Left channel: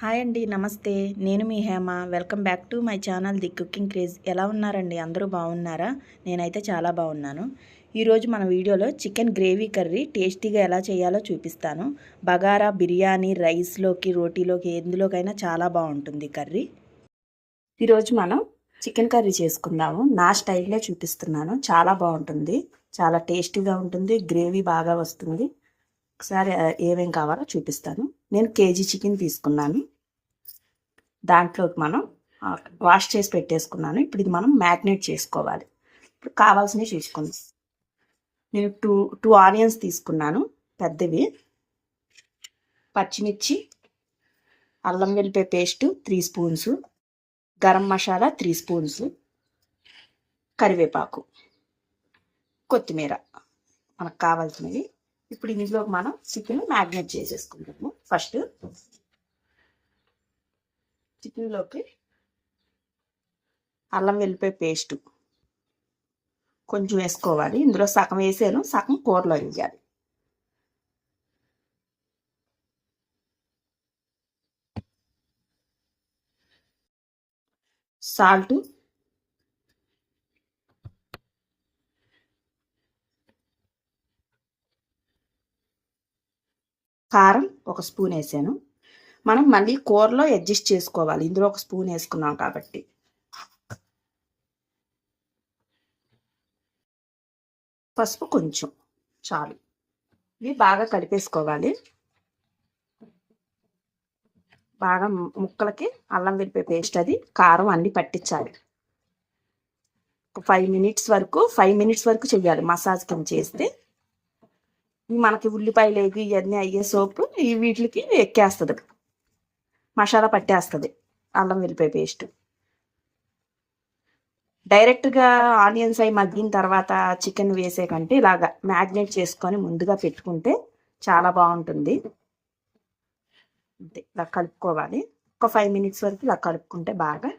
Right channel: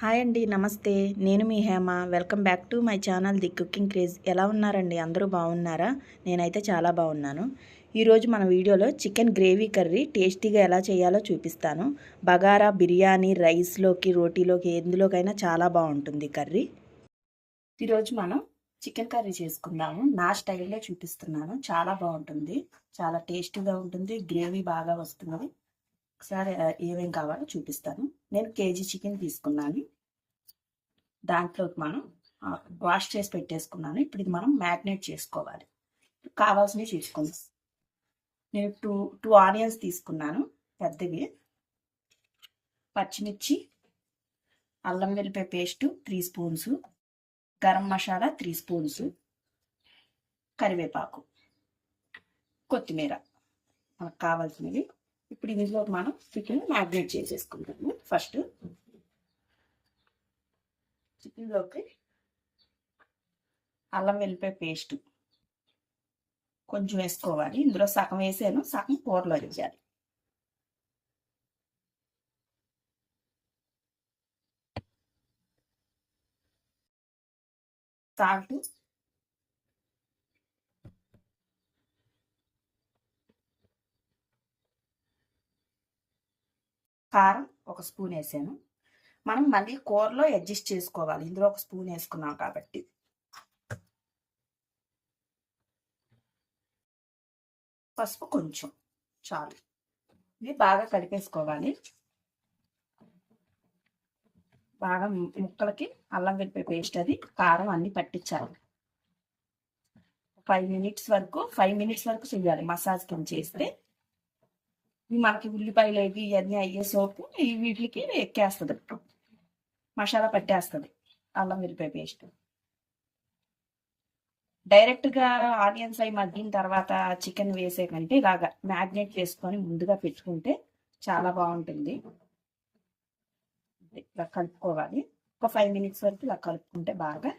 Hi అండి, నమస్తే. నేను మీ Hema. Welcome back to my channel the cooking craze. ఎలా ఉన్నారండి? అందరూ బాగున్నారా? నేనైతే చాలా బాగున్నాను. ఈరోజు మన వీడియోలో చికెన్ గ్రేవీ కర్రీ టేస్టీగా ఎలా చేయాలో చూపిస్తాను. బగారా, బిర్యానీ, రైస్లోకి, రోటీలోకి ఎందులోకైనా చాలా బాగుంటుంది కర్రీ. ఈరోజు మనం చికెన్ కర్రీ చేసుకుందాము. నా స్టైల్లో చూపిస్తున్నాను. చాలా బాగుంటుంది, చాలా టేస్టీగా ఉంటుంది, గ్రేవీ బాగా వస్తుంది. ఒకసారి ఏమేం కావాలో చూపిస్తాను. నేను కేజీ చికెన్ తీసుకున్నాను. దాంట్లోకి మనం వాష్ చేసి పెట్టేసుకున్నాను. ఇప్పుడు ఇది మనం మ్యాగ్నేట్ చేసుకోవాలి. ఇప్పుడు కావాల్సినవి చూసుకుందాం. నేను టూ ఆనియన్స్ తీసుకున్నాను, పెద్దవి. పచ్చిమిర్చి, అల్లం వెల్లిపాయ paste 3 spoons, garam masala 3 spoons, కరివేపాకు, కొత్తిమీర మనకు కావాల్సినవి. ఇప్పుడు ఇందులో మనం చికెన్ మ్యాగ్నేట్ చేసేసుకుంటాము. ఫస్ట్ చికెన్లోకి అల్లం వెల్లిపాయ పేస్ట్ కొంచెం వేసుకోవాలి. ఇందులో సగం వేసాను, సగం కూరలో వేయాలి. సాల్ట్, కారం 1 స్పూన్ వేసాను. మనం మళ్ళీ కూరలో అడ్జస్ట్ చేసుకోవాలి. ఇందులో 1 స్పూన్ వేసుకున్నాం కాబట్టి. పసుపు కొంచెం చాలు. ఇవి బాగా కలిపేసుకోవాలి. బాగా ముక్కలకి అల్లం వెల్లిపాయ పేస్ట్, అది కారం అన్నీ పట్టించాలి. ఒక 5 మినిట్స్ వరకు చెయ్యాలి మసాజ్ కింద చేస్తే. మనకి ఉల్లిపాయలు వేగి ఇవన్నీ అయ్యే సోపు ఈ వీటికి ఎక్కేస్తుంది, మసాలా పట్టేస్తుంది అల్లం వెల్లిపాయ పేస్ట్. డైరెక్ట్గా ఆనియన్స్ అవి మగ్గిన తర్వాత చికెన్ వేసే కంటే ఇలాగా మ్యాగ్నేట్ చేసుకొని ముందుగా పెట్టుకుంటే చాలా బాగుంటుంది. ఇలా కలుపుకోవాలి. ఒక 5 మినిట్స్ వరకు ఇలా కలుపుకుంటే బాగా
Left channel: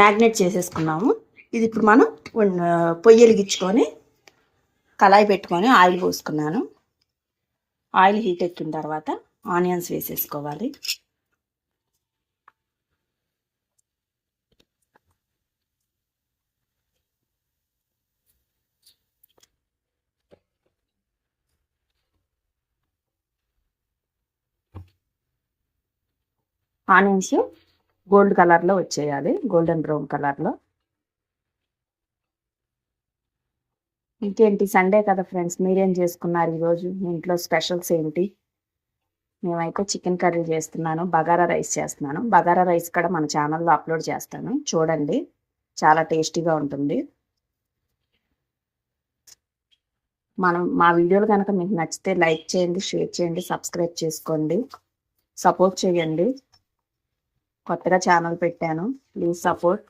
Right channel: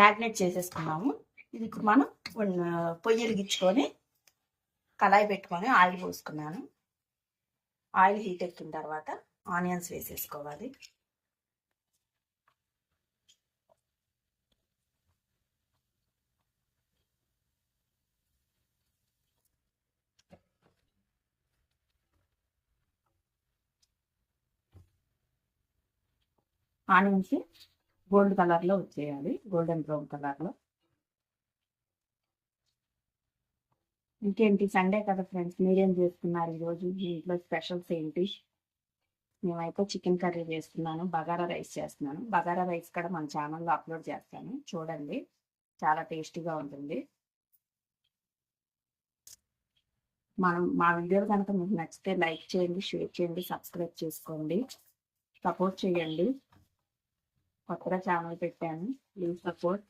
మ్యాగ్నేట్ చేసేసుకున్నాము. ఇది ఇప్పుడు మనం పొయ్యి వెలిగించుకొని కళాయి పెట్టుకొని ఆయిల్ పోసుకున్నాను. ఆయిల్ హీట్ ఎక్కిన తర్వాత ఆనియన్స్ వేసేసుకోవాలి. ఆనియన్స్ గోల్డ్ కలర్లో వచ్చేయాలి, గోల్డెన్ బ్రౌన్ కలర్లో. ఇంకేంటి, సండే కదా ఫ్రెండ్స్, మీరేం చేసుకున్నారు ఈరోజు? మీ ఇంట్లో స్పెషల్స్ ఏంటి? మేమైతే చికెన్ కర్రీ చేస్తున్నాను, బగారా రైస్ చేస్తున్నాను. బగారా రైస్ కూడా మన ఛానల్లో అప్లోడ్ చేస్తాను, చూడండి. చాలా టేస్టీగా ఉంటుంది. మా వీడియోలు కనుక మీకు నచ్చితే లైక్ చేయండి, షేర్ చేయండి, సబ్స్క్రైబ్ చేసుకోండి, సపోర్ట్ చేయండి. కొత్తగా ఛానల్ పెట్టాను, ప్లీజ్ సపోర్ట్.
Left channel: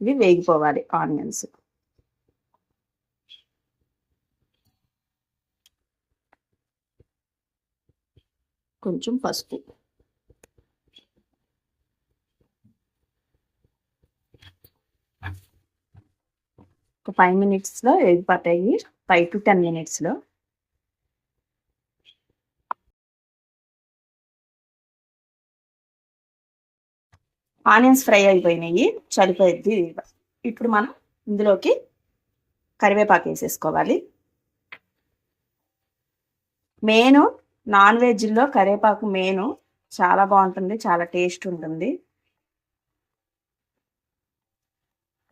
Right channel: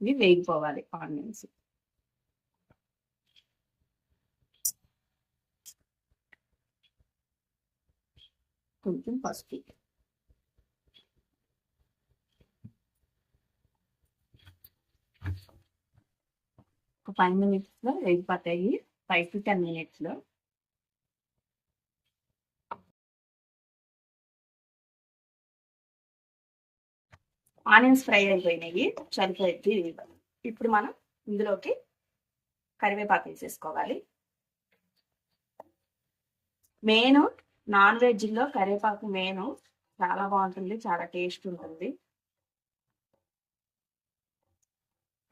ఇవి వేగిపోవాలి ఆనియన్స్. కొంచెం పసుపు, ఒక 5 మినిట్స్లో వేగిపోతాయి. 5 to 10 మినిట్స్లో. ఆనియన్స్ ఫ్రై అయిపోయినాయి, చలిపోయింది. ఇప్పుడు మనం ఇందులోకి కరివేపాకు వేసేసుకోవాలి. మెయిన్ నాన్ వెజ్లో కరివేపాకు మెయిన్, చాలా బాగుంటుంది, చాలా టేస్ట్ ఉంటుంది.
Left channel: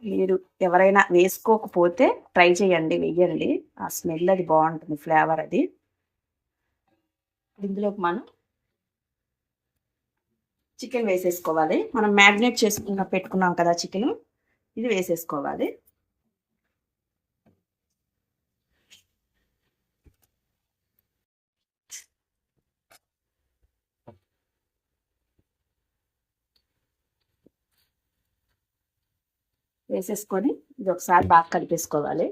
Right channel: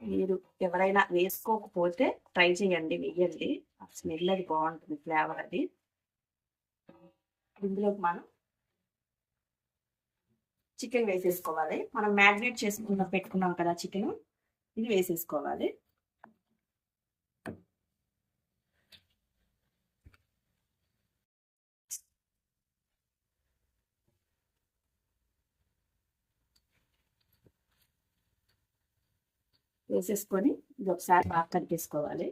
మీరు ఎవరైనా వేసుకోకపోతే ట్రై చేయండి, వెయ్యండి. ఆ స్మెల్ అది బాగుంటుంది, ఫ్లేవర్ అది. ఇందులోకి మనం చికెన్ వేసేసుకోవాలి. మనం మ్యాగ్నేట్ పెట్టుకున్నాం కదా చికెన్, ఇది వేసేసుకోవాలి. వేసేసుకొని ఇది ఒకసారి బాగా కలిపేసుకోవాలి.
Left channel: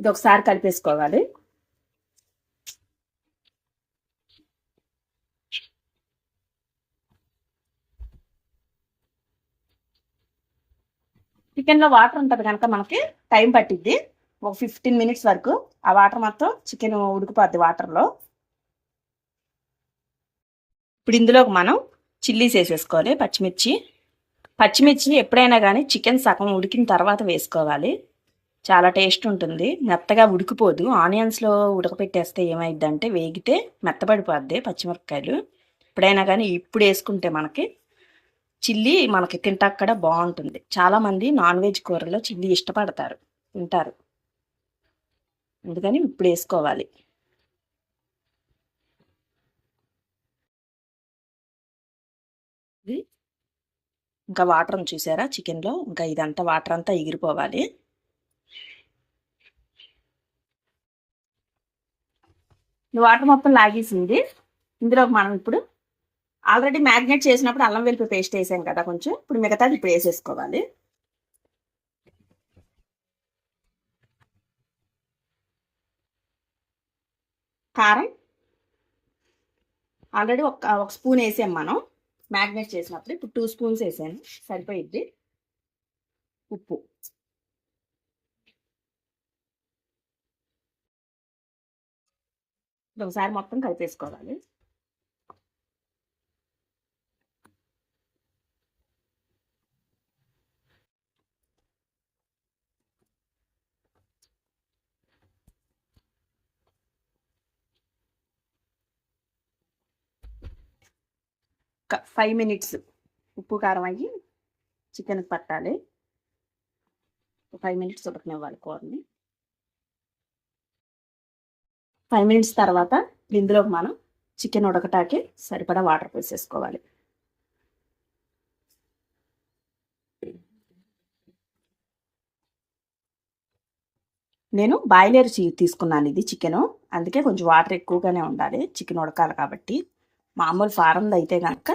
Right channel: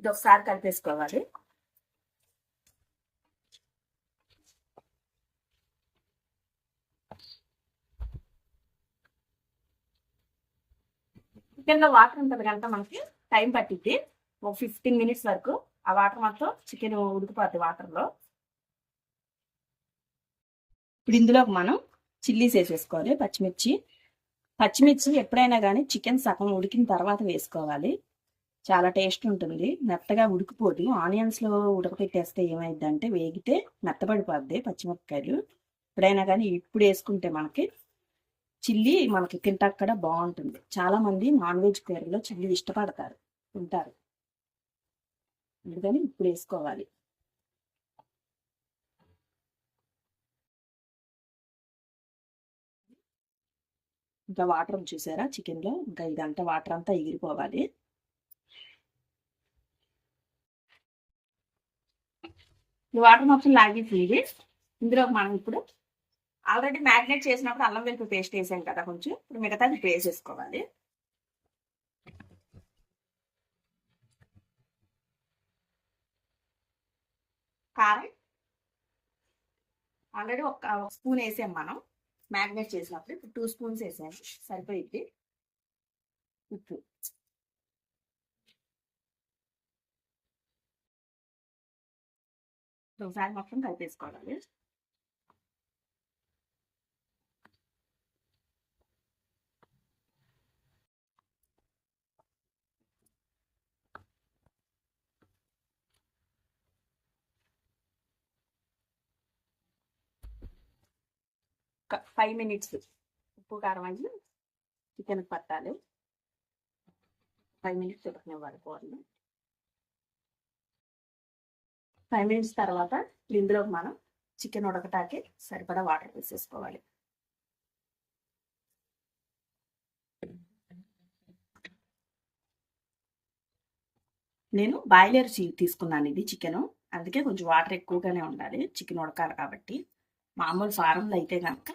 ఇది ఒకసారి కలిపేసుకోవాలి. చికెన్లో వాటర్ ఉంటుంది కనుక మనకి టైం పట్టిద్ది ఒక 15 మినిట్స్ వరకు. ఆ వాటర్ మొత్తం చికెన్ ఉడికిపోద్ది వాటర్లో. ఇప్పుడు ఇందులోకి మనం చిల్లీస్ వేసేసుకోవాలి. పచ్చిమిర్చి ఎప్పుడైనా కానీ చికెన్ సగం ఉడికిన తర్వాత వేసుకోవాలి. చాలా టేస్ట్ ఉంటుంది, మెత్తగా ఉడికిపోదు. ఆనియన్స్లో ఉడకపెట్టేస్తే ఏమైందంటే వేగితే మెత్తబడిపోద్ది పచ్చిమిరపకాయలు. ఎప్పుడైనా కానీ ఇప్పుడు వేసుకుంటే మనకి చిల్లీ మనకి తింటాక్కడ బాగుంటుంది. చాలామంది నాన్ వెజ్ కూరలో చిల్లీ ఇష్టపడతారు, తింటారు, అందుకని ఇప్పుడు వేసుకోవాలి. ఇంకా వాటర్ చూసారా చికెన్లో, ఇంకా ఇదంతా వాటర్ అంతా ఎగిరిపోవాలి. ఈ వాటర్ మొత్తం లాగేసింది. ఇందులోకి మనం ఇప్పుడు ఆల్రెడీ మ్యారినేట్ చేసినప్పుడు అల్లం వెల్లుల్లి పేస్ట్ వేసాం కదా కొంచెం, ఇప్పుడు మిగతాది ఇప్పుడు వేసేసుకోవాలి. కారం ఆల్రెడీ ఒక స్పూన్ వేసాం మనం మ్యారినేట్ చేసినప్పుడు, ఇప్పుడు 2 స్పూన్స్ వేసాను, సరిపోయిద్ది. ఉప్పు ఒకసారి మొత్తం కలిపేసుకోవాలి. ఒక 5 మినిట్స్ ఉప్పు కారం అయ్యి చికెన్కి పట్టాలి. 5 మినిట్స్ ఉడకనివ్వాలి కూరని. 5 మినిట్స్ తర్వాత ఇందులోకి మనం చికెన్ ఉడకటానికి సరిపడా వాటర్ పోసేసుకోవాలి. నేను బాయిలర్ తీసుకున్నాను ఇది చికెను, అందుకే కొంచెం వాటర్ ఎక్కువగానే ఉండాలి, చికెన్ ఉడకాలి కాబట్టి. మామూలు ఫారంలో అయితే కనుక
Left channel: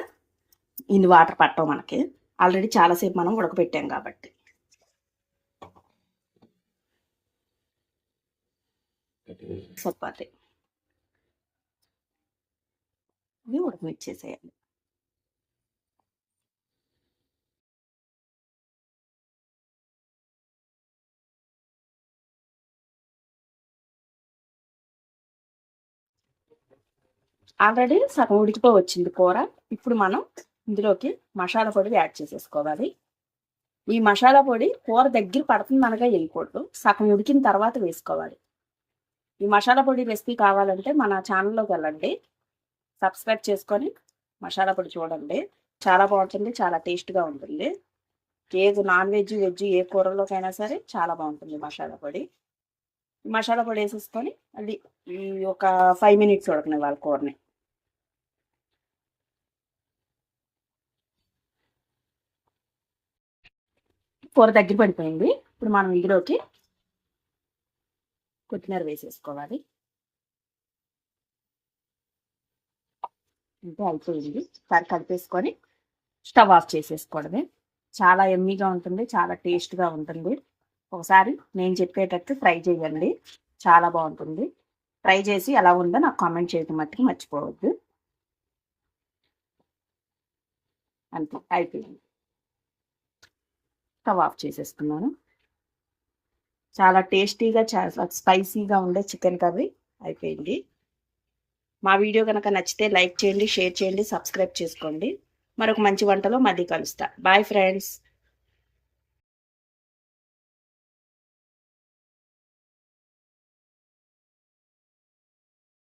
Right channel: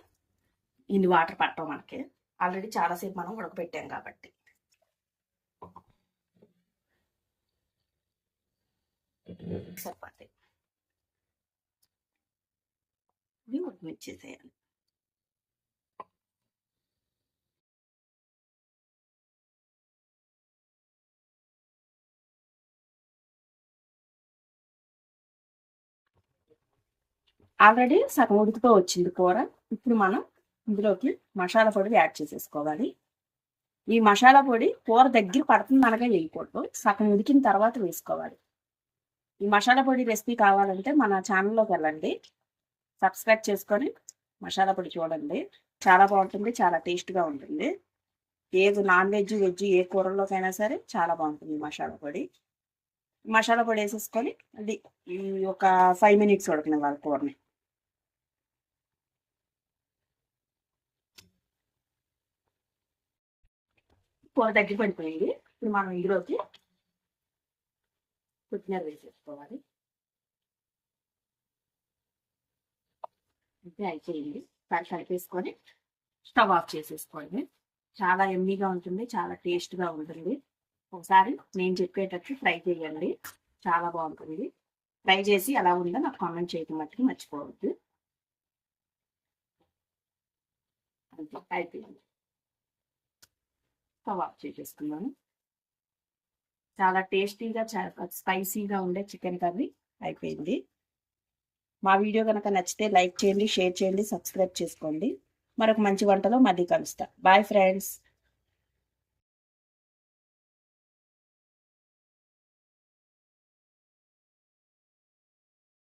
ఇన్ని వాటర్ పట్టవు మనకి, ఆల్రెడీ చాలాసేపు మనం ఉడకపెట్టాం కాబట్టి. సరిపోతాయి, ఇది ఉడకనిచ్చేసేయాలి. ఆల్రెడీ సగం ఉడికిపో వచ్చింది కూర. ఇప్పుడు మనం ఇందులోకి మసాలా పొడి యాడ్ చేసేసుకోవాలి. ఈ మసాలా పొడి కూర దగ్గర పడుతుంది అనగా వేయకూడదు, సగం ఉడికిన తర్వాత వేసుకోవాలి. ఈ మసాలా పొడి రెసిపీ కావాలంటే మన ఛానల్లోకి వెళ్ళండి, సబ్స్క్రైబ్ చేసుకొని మసాలా పొడి చూడండి. చాలా బాగుంటుంది, చాలా టేస్ట్గా ఉంటుంది. ఏది నాన్ వెజ్ వెజ్ ఏ కూరలోకైనా సరే చాలా బాగుంటుంది మసాలా పొడి. మసాలా పొడి వేసేసుకొని అది ఈ ఒక 5 మినిట్స్ ఉడకనివ్వాలి కూరని. కూర దగ్గర పడిపోయింది. ఇప్పుడు మనం ఇందులోకి కొత్తిమీర వేసేసుకోవాలి. అంటే అయిపోయింది. కలిపేసుకొని స్టవ్ ఆఫ్ చేసేసుకోవడమే. చాలా ఎమ్మీగా ఉంటుంది, చాలా టేస్ట్గా ఉంటుంది. ఒకసారి నేను చెప్పేటట్టు ట్రై చేయండి, చాలా బాగుంటుంది. ట్రై చేసి ఎలా ఉందో నాకు కామెంట్ చేయడం మట్టుకు మర్చిపోవద్దు. అంతే, అయిపోయింది. స్టవ్ ఆఫ్ చేసేస్తున్నాను. చాలా టేస్టీగా, చాలా స్పైసీగా ఉండే చికెన్ కర్రీ అయిపోయింది. మా వీడియో కనుక నచ్చితే లైక్ చేయండి, షేర్ చేయండి, సబ్స్క్రైబ్ చేసుకోండి. మరొక మంచి వంటలో మళ్ళీ కలుస్తా. Bye friends.